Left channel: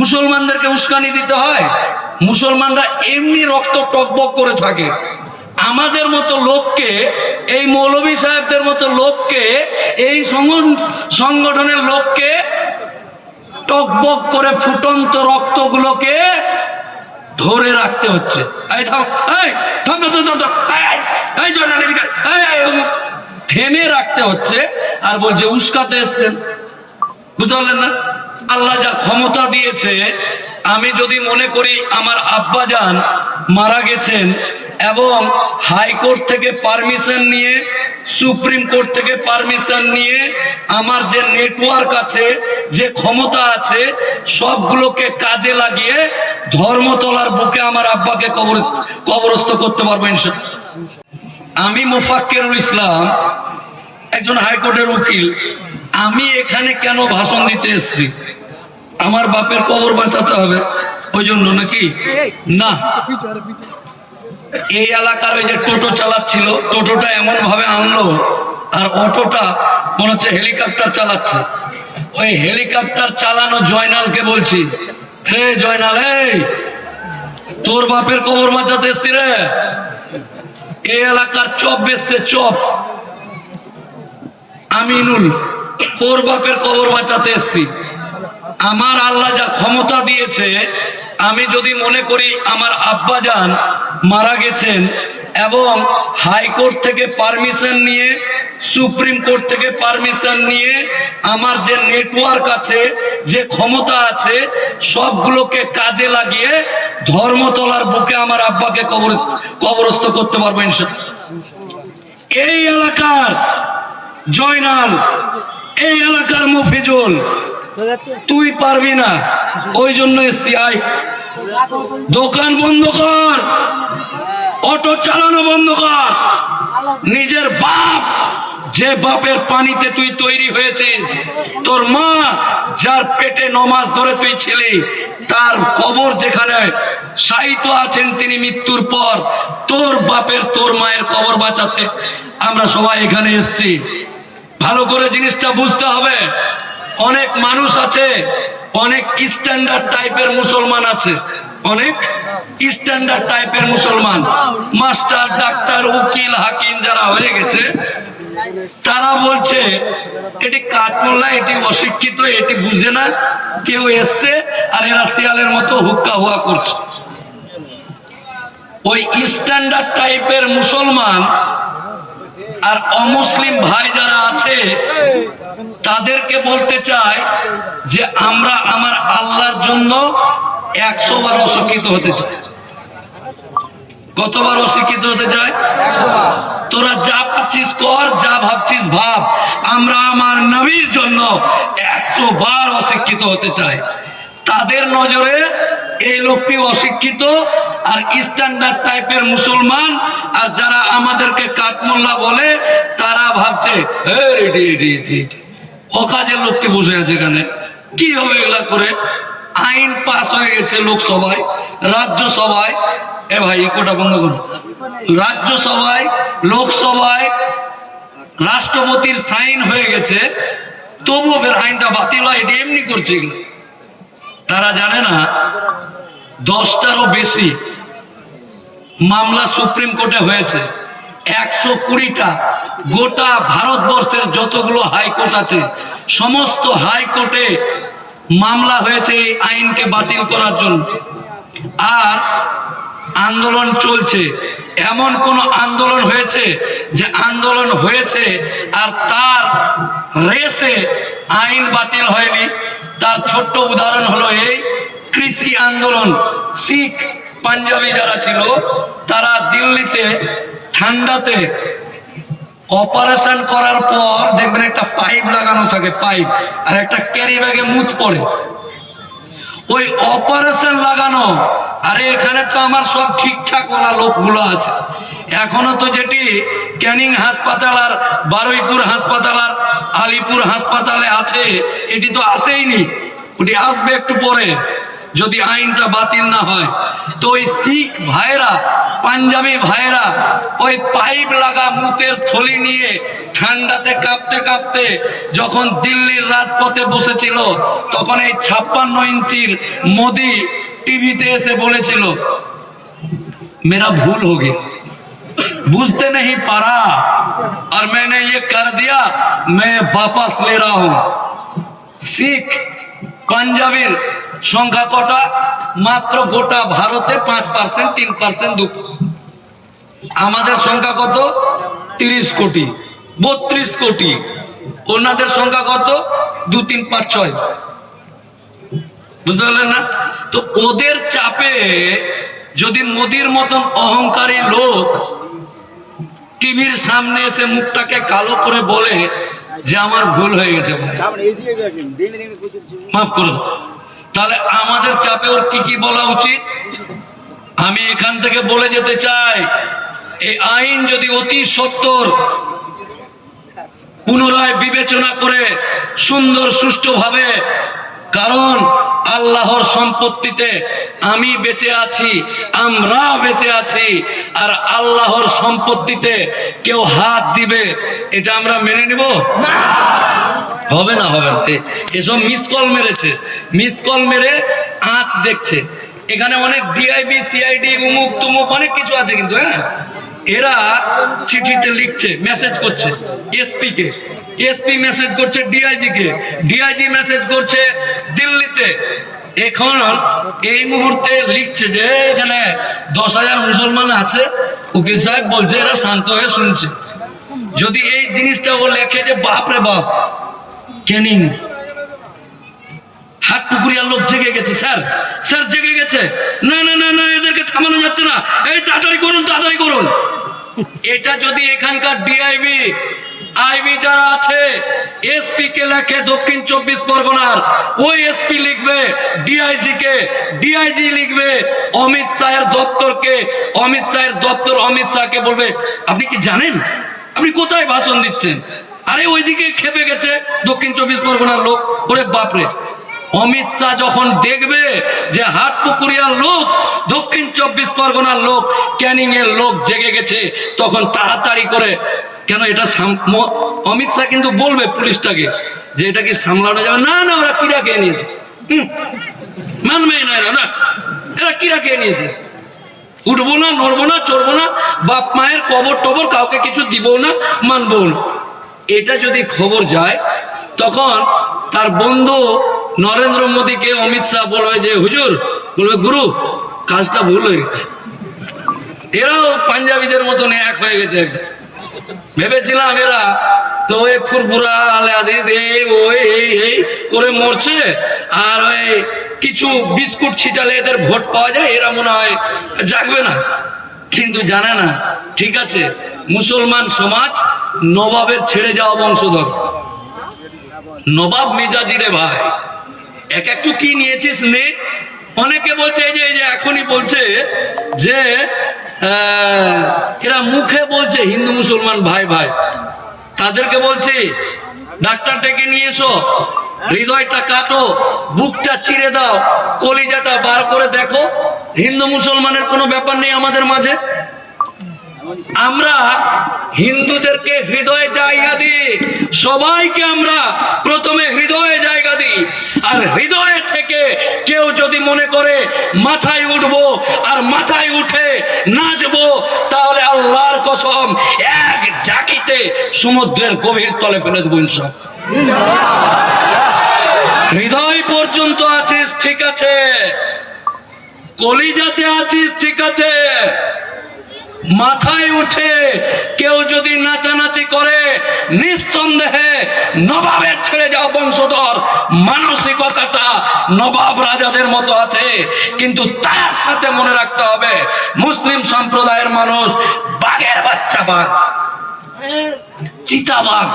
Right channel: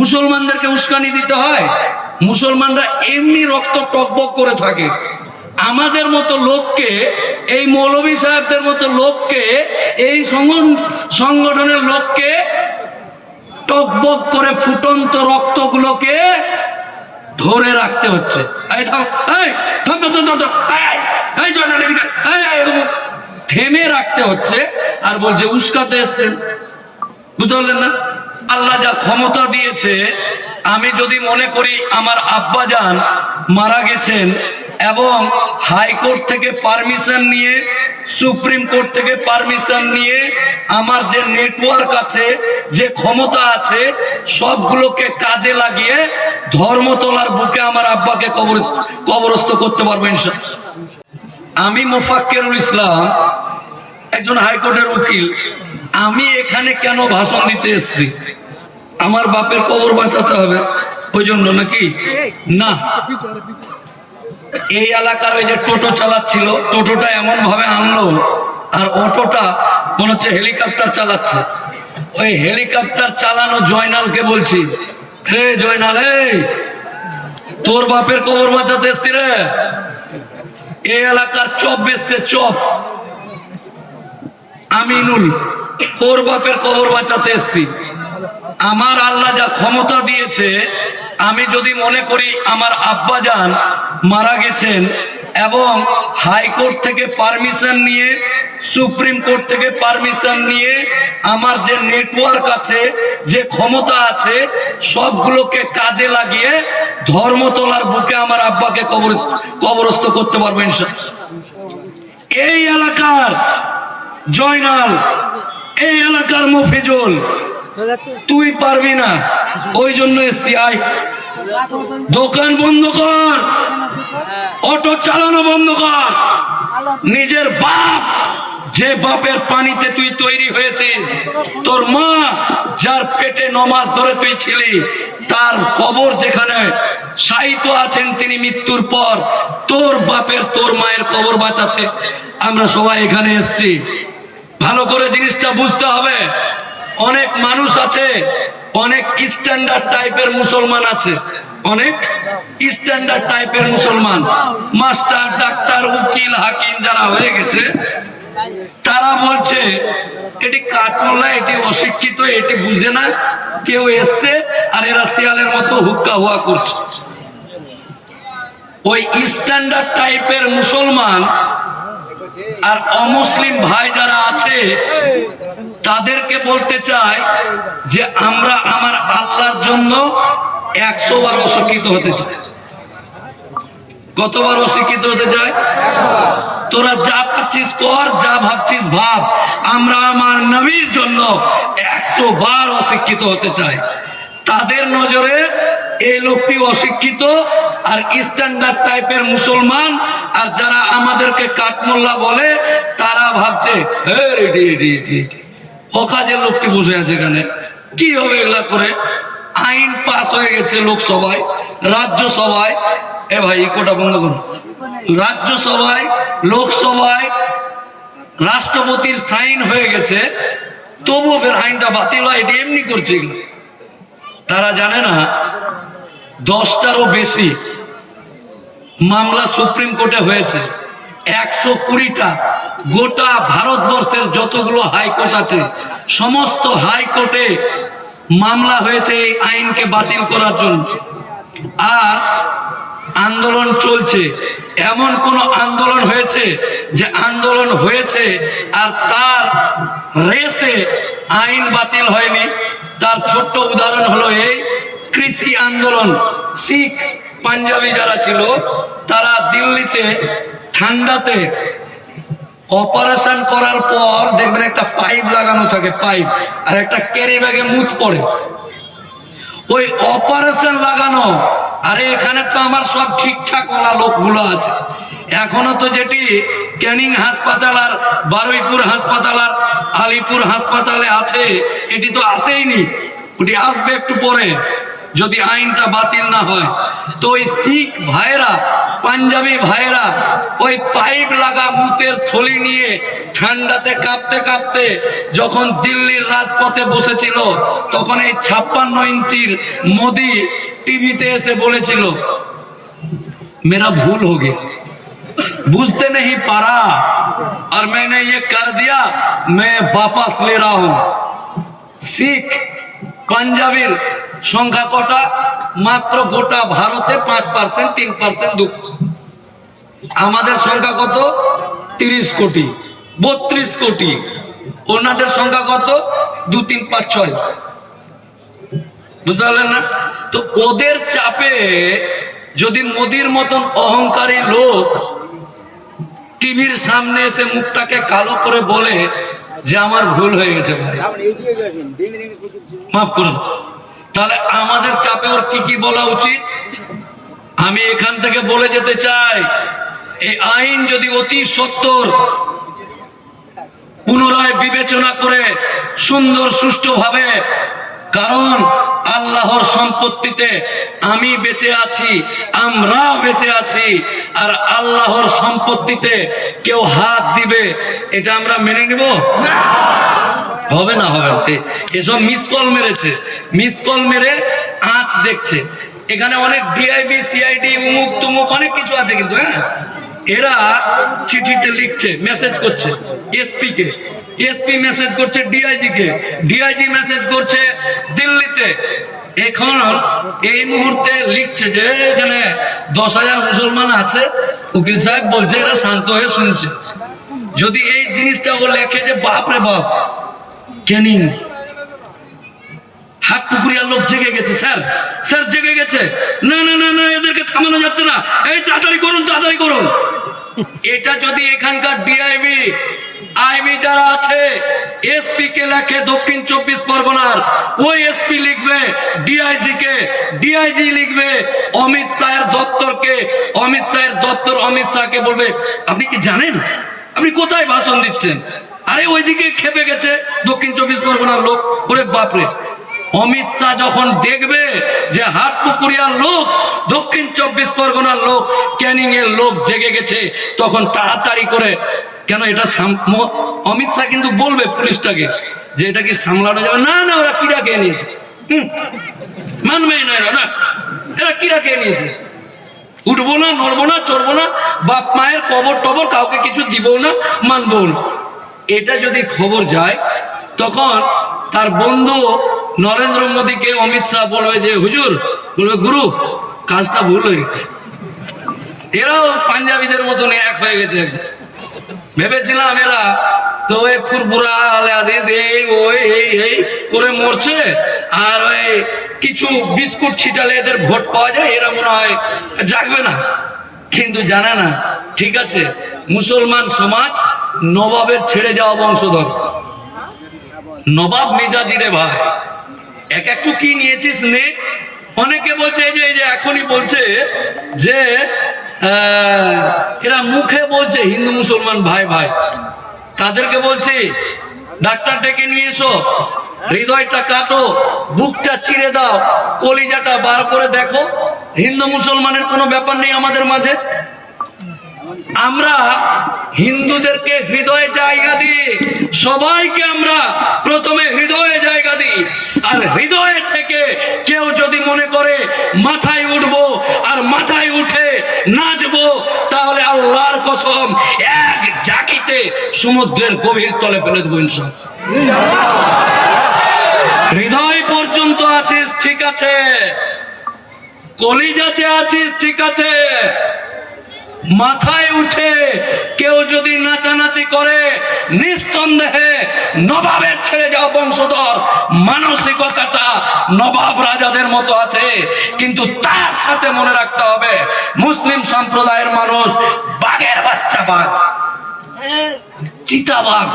মুসলমানদেরকে উস্কানি দিতে হয়? মুসলমানরা এমনি রক্ত টকবক করে থাকে। আমাদের মতো লোককে, এই মৌলভী সাহেবদের মতো লোককে, এই সংগঠনের লোককে টকবক করে ফুটন্ত রক্তগুলোকে ধরে রাখতে হচ্ছে। থেমে রাখতে হচ্ছে আর বলছে উস্কাতে এসছেন। বুঝতে পারলেন না? আল্লাহ যা ক্ষমতা দিয়েছে, আমি যদি মনে করি আমার আব্বাজান মারা গেছেন এবং হাইকোর্ট থেকে পারমিশন নিয়ে, সুপ্রিম কোর্ট থেকে পারমিশন নিয়ে, আমার যে নেটওয়ার্ক আছে, যে ক্ষমতা আছে, সবগুলোকে কাজে লাগিয়ে ধর্মতলার বুকে আমার আব্বাকে কবরস্থ করতে পারবো ইনশাআল্লাহ। আমি মোফাক্কেরুল ইসলাম, একজন হাইকোর্টের উকিল। আমি এখানে কেন ভাষণ দিতে এসেছি? আমার বাপের কবর বাঁচাতে হবে ওই জন্য নাকি? না, এই এলাকার ওই যে টোটো চালাচ্ছিল, টোটোটা এমন ভাবে আনলো আর অটোটা মনে হচ্ছে হেলিকপ্টার চালাচ্ছে। ওই হেলিকপ্টার চালানো জয়নালকে বলছি, রে জয়নাল, এই তোর বাপের কবর বাঁচাতে এসছি রে। এই এলাকার চপ বেচছে, চপ। আমিনুল, তোর বাপের কবর বাঁচাতে এসছি। আমার আল্লাহ যা ক্ষমতা দিয়েছে, আমি যদি মনে করি আমার আব্বাজান মারা গেছেন এবং হাইকোর্ট থেকে পারমিশন নিয়ে, সুপ্রিম কোর্ট থেকে পারমিশন নিয়ে, আমার যে নেটওয়ার্ক আছে, যে ক্ষমতা আছে, সবগুলোকে কাজে লাগিয়ে ধর্মতলার বুকে আমার আব্বাকে কবরস্থ করতে পারবো ইনশাআল্লাহ। এই এলাকার জয়নাল, এই এলাকার মফিজুল, তুই পারবি না, ওই জন্য এসছি। আয়, দোকান বন্ধ কর, অটো চালানো বন্ধ কর। নিজের বাপ, যে বাপের পানিতে তুই তৈরি হয়েছিস, তোর মা যার পেটে নমাজ ধরে তুই ছিলি, তার কবর যেখানে শায়িত আছেন তিনি মৃত্যুর পর, তোর বাপের, তোর মায়ের কবর বাঁচাতে আমরা সবাই এখানে এসছি। ভালো করে জিনিসটা বুঝতে হবে। অনেক মানুষ আছে, অনেক স্ট্যান্ডার্ড টাইপের মুসলমান আছে, অনেক স্ট্যান্ডার্ড টাইপের মুসলমান, মাস্টার, ডাক্তার, উকিল, হাকিম যারা হয়ে গেছে, তারা বলছে এটি কাঠমোল্লা, এটি অশিক্ষিত, এটি বুঝে না, কেউ এসছে আর এরা শিয়ালের মতো হুক্কা হুয়া করছে। ওই স্ট্যান্ডার্ড টাইপের মুসলমান আর অমুসলিম ভাই যারা আছে, তাদেরকে বলতে চাই যে আমরা আমার আল্লাহর জন্য 100 বার অশিক্ষিত হতে চাই। কতবার অশিক্ষিত হতে চাই? 100 বার। তোরা যা পাচ্ছিস কর, যা ভাবছিস ভাব, আমরা আমার নবীর জন্য 100 বার অশিক্ষিত হতে চাই। তাদের নজরে এই লোকটি অশিক্ষিত আর স্ট্যান্ডার্ড টাইপের মুসলমান, আর যারা আমাদেরকে কাঠমোল্লা বলে, তারা ভাবছে ও কাজের লোকটি বসে আছে এখানে, কি হবে এগুলা করে? আইন পাস হয়ে গেছে লোকসভায়, রাজ্যসভায়, এ ভাই কোটা বন্ধ করুন, রাজ্যসভায়, লোকসভায় রাষ্ট্রপতির সাইন হয়ে গেছে, তবুও আইনটা বাতিল হয়। এটি এমনি করছে এগুলো। তারা জানে না 10টারও বেশি মামলা সুপ্রিম কোর্টে হয়েছে, 120টা। গোটা ভারতবর্ষের যতগুলো হাইকোর্ট আছে, সমস্ত হাইকোর্টে মামলা হয়েছে এই আইনকে বাতিল করার জন্য। আর আন্দোলন চলছে। এমন কোন আন্দোলন হয়েছে যে আন্দোলন হয়েছে আর তার রেসে আইন বাতিল হয়নি? তার ছোট্ট উদাহরণ হলো এই কৃষি আন্দোলন। শিখ পাঞ্জাবি যারা ছিল, তারা দিল্লিতে ঠান্ডাতে অপারেশন করার পর দেখবেন একটা পাইপ লাগানো থাকে, পাইপ, আর একটা ক্যারি ব্যাগে মুত পড়ে। ওই অপারেশন লাগানো, আরে এখানে তো আমার সব ঠিকঠাক ওলা লোকগুলো আছে। এখনো তো যেটি ক্যানিং হাসপাতাল আর বারুইপুর হাসপাতাল আর আলিপুর হাসপাতালে আছে, এটি তো আসেইনি, ওটি আসবে একটু পরে। যদি আইনটা বাতিল না হয়। তো ওই শিখ ভাইরা, পাঞ্জাবি ভাইরা ওই পাইপ লাগা মুতের থলি নিয়ে ঠান্ডাতে কাঁপতে কাঁপতে যখন দিল্লির রাজপথে বসেছিল, তখন এই 56 ইঞ্চির মোদি টিভিতে এসে বলেছিল, मेरा भूल हो गया, बुझते नहीं पारा और मैंने ये कर दिया, मैं वापस ले रहा हूं। শিখ পাঞ্জাবির সংখ্যা কটা? মাত্র গোটা ভারতে 5%, 3%, 2%। আমাদের সংখ্যা কত? 30 কোটি, 32 কোটি। ওনাদের সংখ্যা কত? 2, 3, 5, 6। বুঝতে পারলেন না? তো ওদের চাপে যদি মোদির মতন অহংকারী লোক টিভির সামনে এসে মুখটাকে কালো করে বলে যে আমার ভুল হয়ে গেছে, মাফ করুন, তাহলে আমাদের চাপে ওর কি বলা উচিত? আমি এখান থেকে বলে যেতে চাই, এই আইন যদি অতি সত্বর পুনরায় বিবেচনা করে সুন্দর সুষ্ঠুভাবে, কারণ আল্লাহর সম্পত্তিতে আমি বেঁচে আছি, আমরা বেঁচে আছি, আর আল্লাহর সম্পত্তিতে কেউ হাত দিবে এটা আমরা মেনে নিব? হবে না, হবে না। এসব মিস কল মেরেছে, মিস কল মেরে আঁচ দেখছে। এখানে অনেক ডিআইবি, সিআইডি, উমুক তুমুক অনেক কিছু আছে, কিন্তু হ্যাঁ, এরা চিঠিতে লিখছে, মেসেজ করছে এসপি কে, এসপি মেসেজ করছে ডিআইজি কে, ডিআইজি মেসেজ করছে দিল্লিতে। এখন এই মুহূর্তে লিখছে যে এখানে 10,000 মুসলমান আছে, উকিল সাহেব বলছে, এরা শান্ত হয়ে শুনছে। যদি এই জিনিসটা ও লেখে যে বাপরে বাপ, ক্যানিং হাটপুকুরিয়ার লোক জেগে গেছে, স্যার স্যার জেগে গেছে, না না না না, এদেরকে থামানো যাচ্ছে না, এই তাড়াতাড়ি করুন, তাড়াতাড়ি করুন। এটা যদি এখানকার ডিআইবি, আইবি যারা আছে, এসপি কে লেখে দক্ষিণ 24 পরগনার, ওই এসপি লিখবে ডিআইজি কে, ডিআইজি লিখবে অমিত শাহের দপ্তরকে, অমিত শাহের দপ্তর অমিত শাহকে বলবে, আপনি কি জানেন আপনি কোথায় ভাষণ দিচ্ছেন? আরে ওইদিকে খেপে গেছে দক্ষিণ 24 পরগনার লোক। ওরে বাপরে, অমিত শাহ যখন দেখবে যে হাটপুকুরিয়ার লোক, দক্ষিণ 24 পরগনার লোক, ক্যানিং এর লোক জেগে গেছে, তখন তাড়াতাড়ি করে, কেন এটা অমিত শাহ কিন্তু বলবে পুলিশটাকে যে এটা কি সামলানো যাবে না, না ওরা কিরা খেয়ে নিয়েছে, মানবেই না এরা, এরা কিরা খেয়ে নিয়েছে, উঠবো না, নড়বো না, চড়বো না, বাপ মায়ের কবর টবর কাউকে কিছু দিব না, মানবো না। এটা যদি খবর যায়, তখন তার বন্ধু নরেন্দ্র মোদীকে অমিত শাহ বলবে যে হুজুর, বলবে গুরু কাজটা ভুল হয়ে গেছে। এরাও পাঞ্জাবিদের মতন এক হয়ে গেছে। ভেবেছিলাম এরা তো ওই ফুরফুরা আলে হাদিস এই ওই এই এই করে মরছে, আর ওই কিছু বিস্কুট ছিটালে এদের ভোট পাওয়া যায়, এরা মনে হয় জাগবে না। কিন্তু জানে না, ঠিক আছে, মুসলমান সমাজ নবাবের ছেড়ে যাওয়া বংশধর, নবাব মেজাজি রে ভাই, এক একটু কি নিয়েছিস নে। অনেকে বলছে এই যে এখনই বলছে যে এরা মুখে বলছে হিন্দু মুসলমান ভাই ভাই, তাদেরকে বলছি ডাক্তার ডেকে নিয়ে এসো, হৃদয়টা কাটো, বুকটা চিরে দাও, কলিজাটা বার করে দেখো, হিন্দু মুসলমানের কোনো ব্যাপার নেই আমাদের মাঝে। আমরা হিন্দুদেরকে হৃদয়ে জায়গা দিই, সবাইকে আমরা প্রথমে হৃদয়ে জায়গা দিই, আর হৃদয়ে থেকে কেউ যদি মনে করে মাথায় উঠবো আর মাথায় উঠে নাচবো, তাহলে আল্লাহর কসম এক জাকিতে সমুদ্রের গভীর তলে ফেলে দেবো ইনশাআল্লাহ। হৃদয় পর্যন্ত আছিস ঠিক আছে, কলিজাতে আছিস ঠিক আছে, মাথায় উঠে কেউ যদি নাচানাচি করে, নিঃসন্দেহে নবাবের ছেড়ে যাওয়া বংশধর, মানসিকতাটা নবাব রাজাদের মতো আছে। কিন্তু তার সাথে মনে রাখতে হবে, মুসলিম সম্প্রদায়ের মানুষ বাঘের বাচ্চা বাঘ, চিতাবাঘ,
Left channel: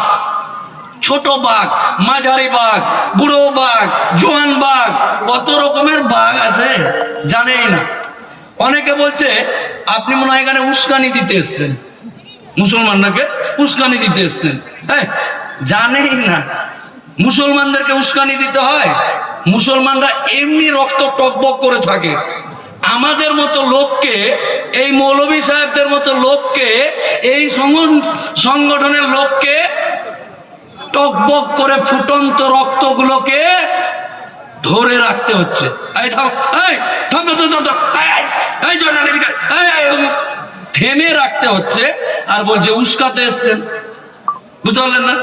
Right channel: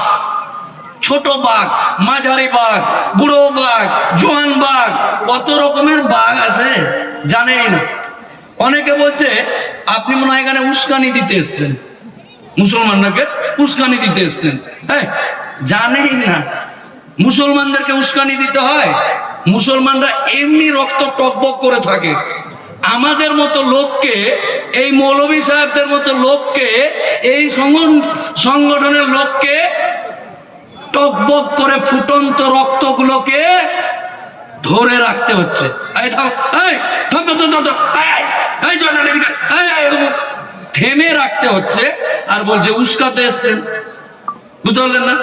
ছোট বাঘ, মাঝারি বাঘ, বুড়ো বাঘ, জোয়ান বাঘ, কত রকমের বাঘ আছে জানেই না। অনেকে বলছে আপনি মনে হয় এখানে উস্কানি দিতে এসছেন, মুসলমানদেরকে উস্কানি দিতে এসছেন। জানেই না মুসলমানদেরকে উস্কানি দিতে হয়, মুসলমানরা এমনি রক্ত টকবক করে থাকে। আমাদের মতো লোককে, এই মৌলভী সাহেবদের মতো লোককে, এই সংগঠনের লোককে টকবক করে ফুটন্ত রক্তগুলোকে ধরে রাখতে হচ্ছে। এই থাম, এই থাম, থাম, থাম, থাম, এই, এই জয়নাল এদিকে, এই, থেমে রাখতে হচ্ছে। আর বলছে উস্কাতে এসছেন, বুঝতে পারলেন না?